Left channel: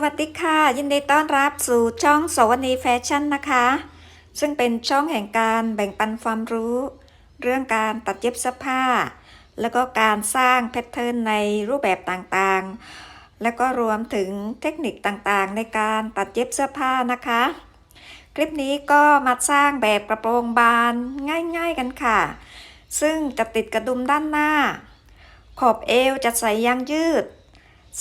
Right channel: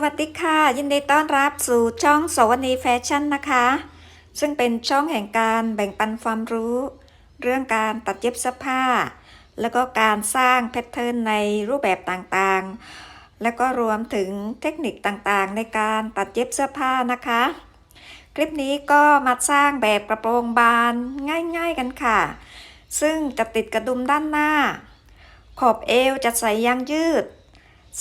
วัสดีค่ะ ยินดีต้อนรับสู่ช่องสวนีแฟชั่นนะคะ ซึ่งเป็นช่องแห่งการแบ่งปันความรู้ เรื่องการตัดเย็บเสื้อผ้า แล้วก็การสร้างแพทเทิร์นในรูปแบบต่างๆ แล้วก็รวมถึงเทคนิคต่างๆ ในการตัดเย็บเสื้อผ้านะคะ คลิปนี้ก็มาสร้างแบบกระโปรงบานง่าย ๆกันค่ะ ซึ่งจะติดกระดุมด้านหน้า ขอบเอวจะใส่ยางยืด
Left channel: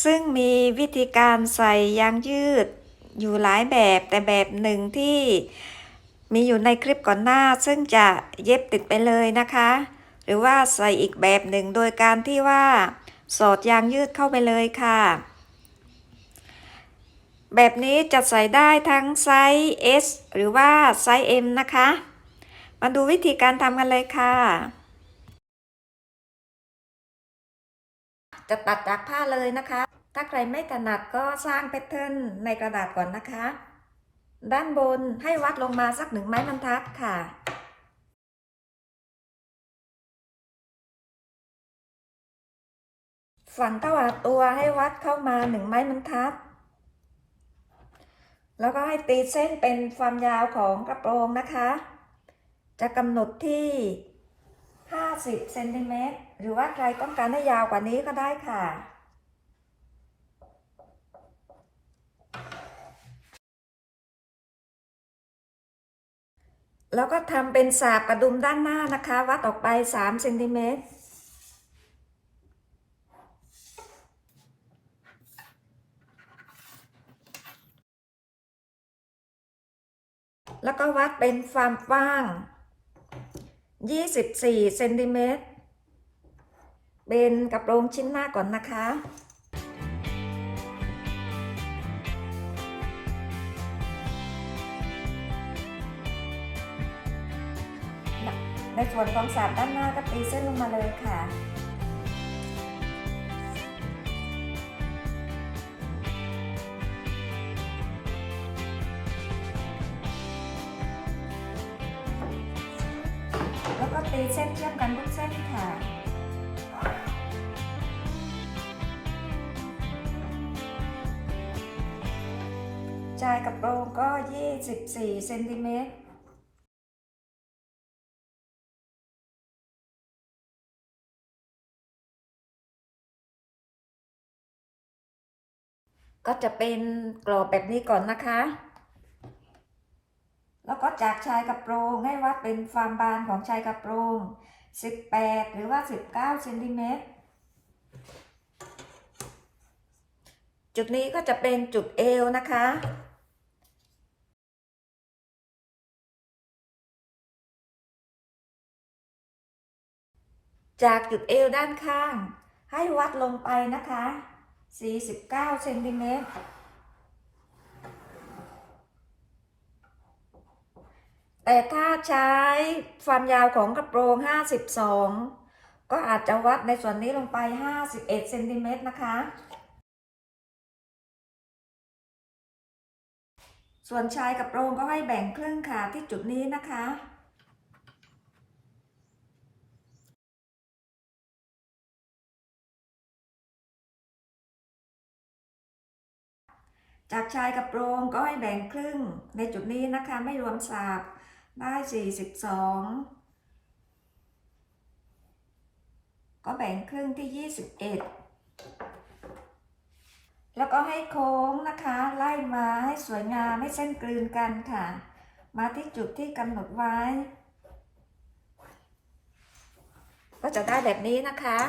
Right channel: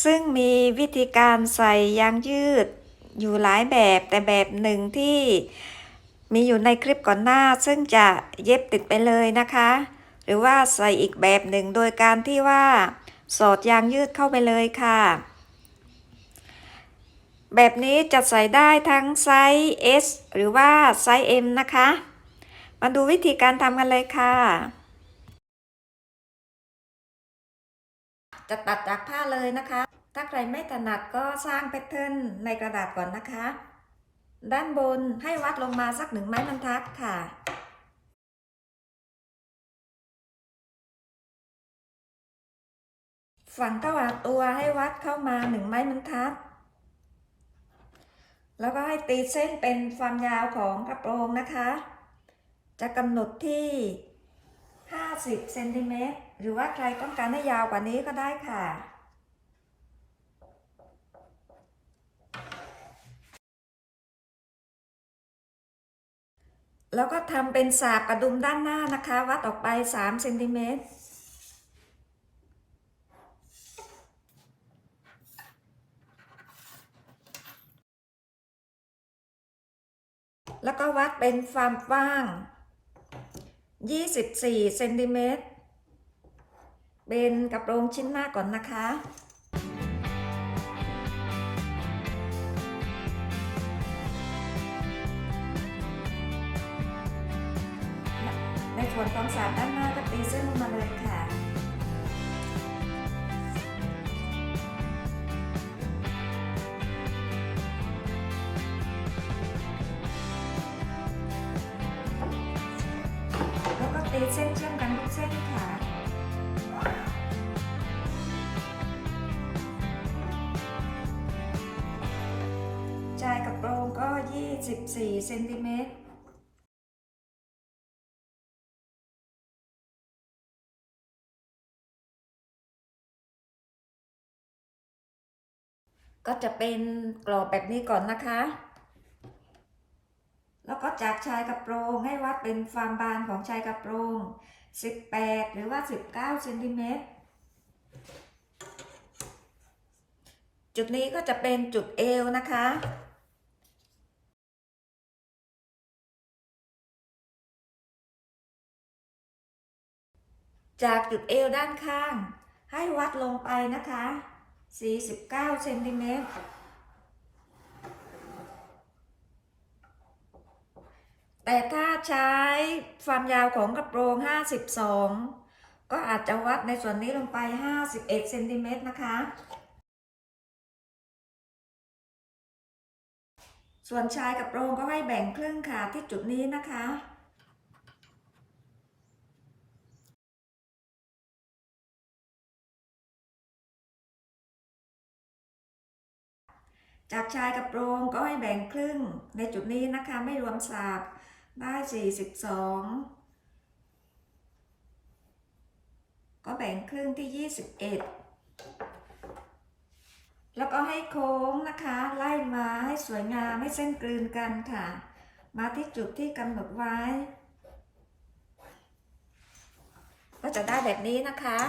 ซึ่งมีวิธีการใส่ยางยืดอยู่หลายแบบแต่แบบหนึ่งที่มีอยู่ในคลิปก่อนหน้า ซึ่งจะเย็บติดไปเลยนะคะ หรือว่าใส่อีกแบบหนึ่งโดยการที่ว่าสอดยางยืดเข้าไปเลยค่ะ แบบนี้จะใส่ได้ทั้งไซส์ S หรือว่าไซส์ M นะคะ มาดูวิธีการทำกันเลยค่ะ จะตัดจากผ้าเลยนะคะ ถ้าใครไม่ถนัดก็สร้างแพทเทิร์นในกระดาษก่อนนะคะ ด้านบนให้วัดลงมาสักหนึ่งไม้บรรทัดค่ะฝันตวัดตัวให้วัดเข้ามาหนึ่งไม้บรรทัด แล้วก็ให้ตีเส้นเป็นความยาวของกระโปรงนะคะ จะกำหนดที่ 50เซนติเมตรหรือว่าใครต้องการให้ยาวกว่านี้ก็ได้ค่ะ แล้วก็ทำเป็นสากกระดุมด้านหน้านะคะ วัดออกไป3เซนติเมตรแล้วก็วัดเป็นความกว้าง 24เซนติเมตรเป็นกระโปรงชิ้นหน้าก่อนนะคะในส่วนของสาดด้านหน้าก็ตีเส้นลงมาเลยค่ะ เส้นเชื่อมกันทุกเส้นค่ะชายกระโปรงก็ 24เซนติเมตรก็จะเป็นกรอบแบบนี้ก่อนนะคะ แล้วก็จากชายกระโปรงให้วัดเป็นความบานของชายกระโปรง 18 หรือว่า 19เซนติเมตร จุดนี้ก็จะเป็นจุดเอวนะคะจากจุดเอวด้านข้าง ให้วัดลงไปนะคะ 49 เซนติเมตร แต่ถ้าใช้ความยาวของกระโปรง 52 ก็อาจจะวัดในส่วนนี้ลงไป 51เซนติเมตรนะคะ ส่วนชายกระโปรงก็ให้แบ่งครึ่งค่ะที่จุดนี้นะคะจากชายกระโปรงก็ให้แบ่งครึ่งในจุดนี้นะคะไม่รวมสาก ได้42ก็แบ่งครึ่งที่21แล้วก็ให้โค้งนะคะ ไล่มาให้สวยงามให้เส้นกลืนกันค่ะ มาที่จุดที่กำหนดไว้ ก็จะได้แบบนี้นะคะ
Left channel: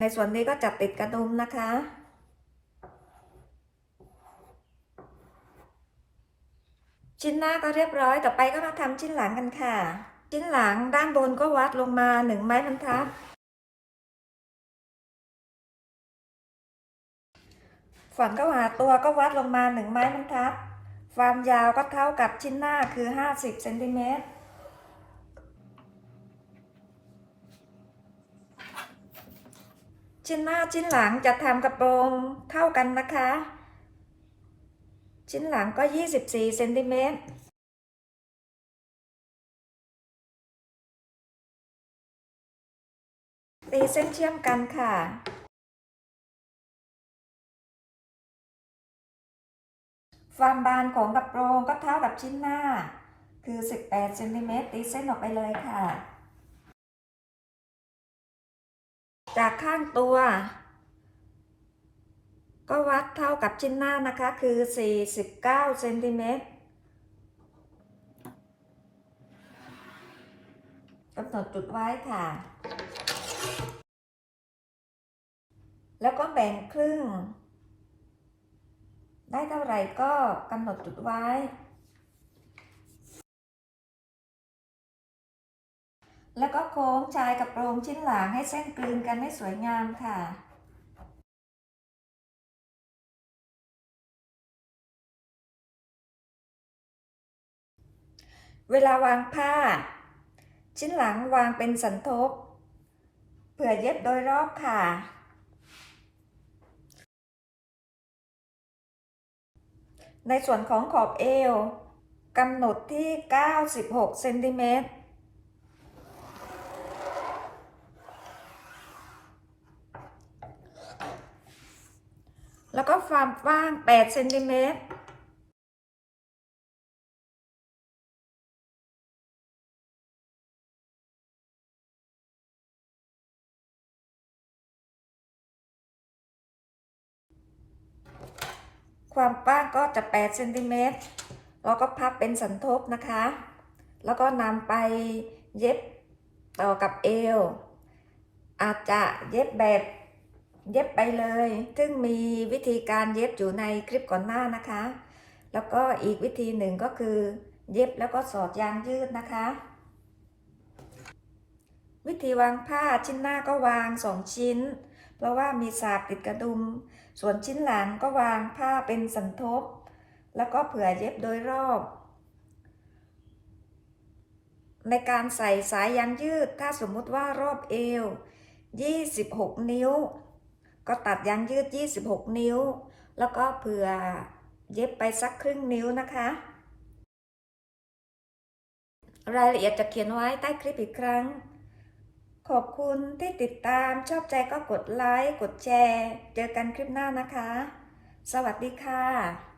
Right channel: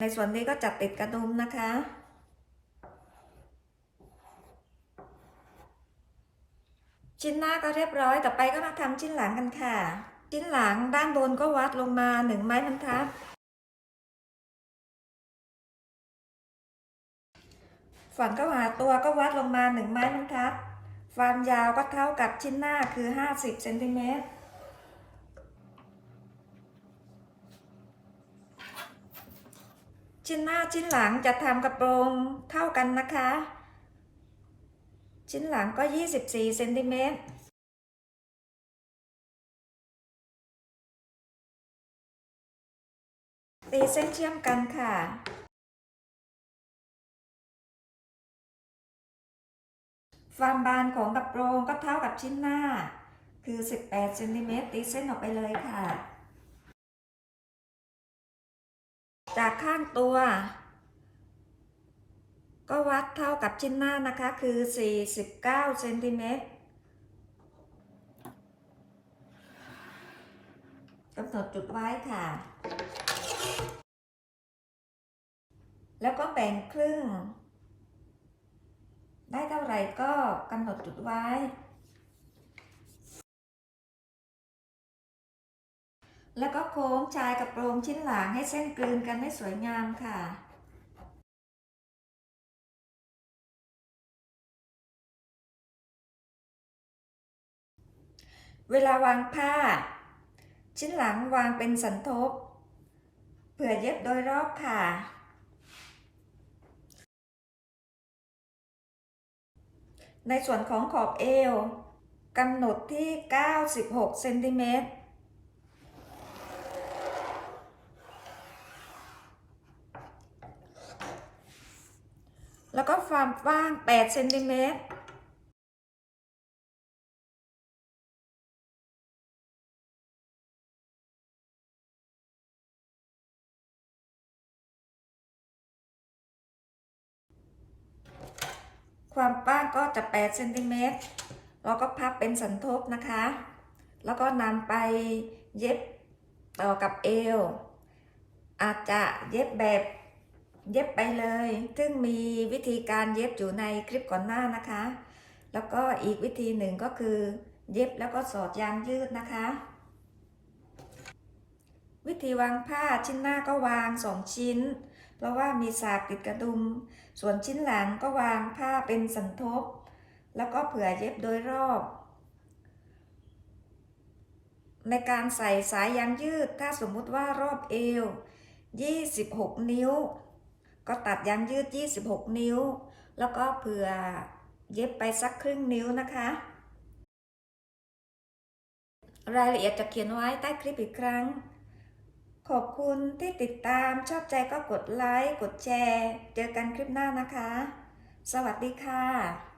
ในส่วนนี้ก็จับติดกระดุมนะคะ ชิ้นหน้าก็เรียบร้อย ต่อไปก็มาทำชิ้นหลังกันค่ะ ชิ้นหลังด้านบนก็วัดลงมาหนึ่งไม้บรรทัดฝั่งก็หาตัวก็วัดลงมาหนึ่งไม้บรรทัดความยาวก็เท่ากับชิ้นหน้าคือ 50เซนติเมตรชิ้นหน้าชิ้นหลังจะทำกระโปรงเท่ากันนะคะ ชิ้นหลังก็ 24เซนติเมตรตีเส้นเชื่อมกันค่ะความบานของกระโปรงก็เท่ากับชิ้นหน้า คือ 18เซนติเมตรตีเส้นออกไปเลยค่ะ จากข้างตัว ก็วัดเท่ากับชิ้นหน้านะคะคือ 49เซนติเมตรกำหนดจุดไว้ค่ะ แล้วก็แบ่งครึ่ง ได้เท่าไหร่ก็กำหนดจุดไว้ แล้วก็โค้งชายกับโปรงชิ้นหลังให้เส้นกลืนกันให้สวยงามค่ะ เวลาวางผ้า ชิ้นหลังวางเป็นสันทบ เผื่อเย็บโดยรอบค่ะ ในส่วนของขอบเอวกำหนดที่ 96 เซนติเมตรแล้วก็ความกว้าง 8 เซนติเมตร ความกว้างก็จะ8เซนติเมตรแล้วก็พับเป็นสันทบนะคะ แล้วก็นำไปเย็บต่อกับเอว อาจจะเย็บแบบเย็บไปเลย ซึ่งมีวิธีการเย็บอยู่ในคลิปก่อนหน้านะคะ แล้วก็อีกวิธีหนึ่งก็คือ เย็บแล้วก็สอดยางยืดนะคะ วิธีวางผ้าชิ้นหน้าก็วางสองชิ้น เพราะว่ามีสากติดกระดุม ส่วนชิ้นหลังก็วางผ้าเป็นสันทบ แล้วก็เผื่อเย็บโดยรอบ ในการใส่สายยางยืด ถ้าสมมุติว่ารอบเอว 26 นิ้ว ก็ตัดยางยืด 26 นิ้ว แล้วก็เผื่อเย็บไปสักครึ่งนิ้วนะคะ รายละเอียดจะเขียนไว้ใต้คลิปอีกครั้ง ขอบคุณที่ติดตามชอบใจก็กดไลค์ กดแชร์ เจอกันคลิปหน้านะคะ สวัสดีค่ะ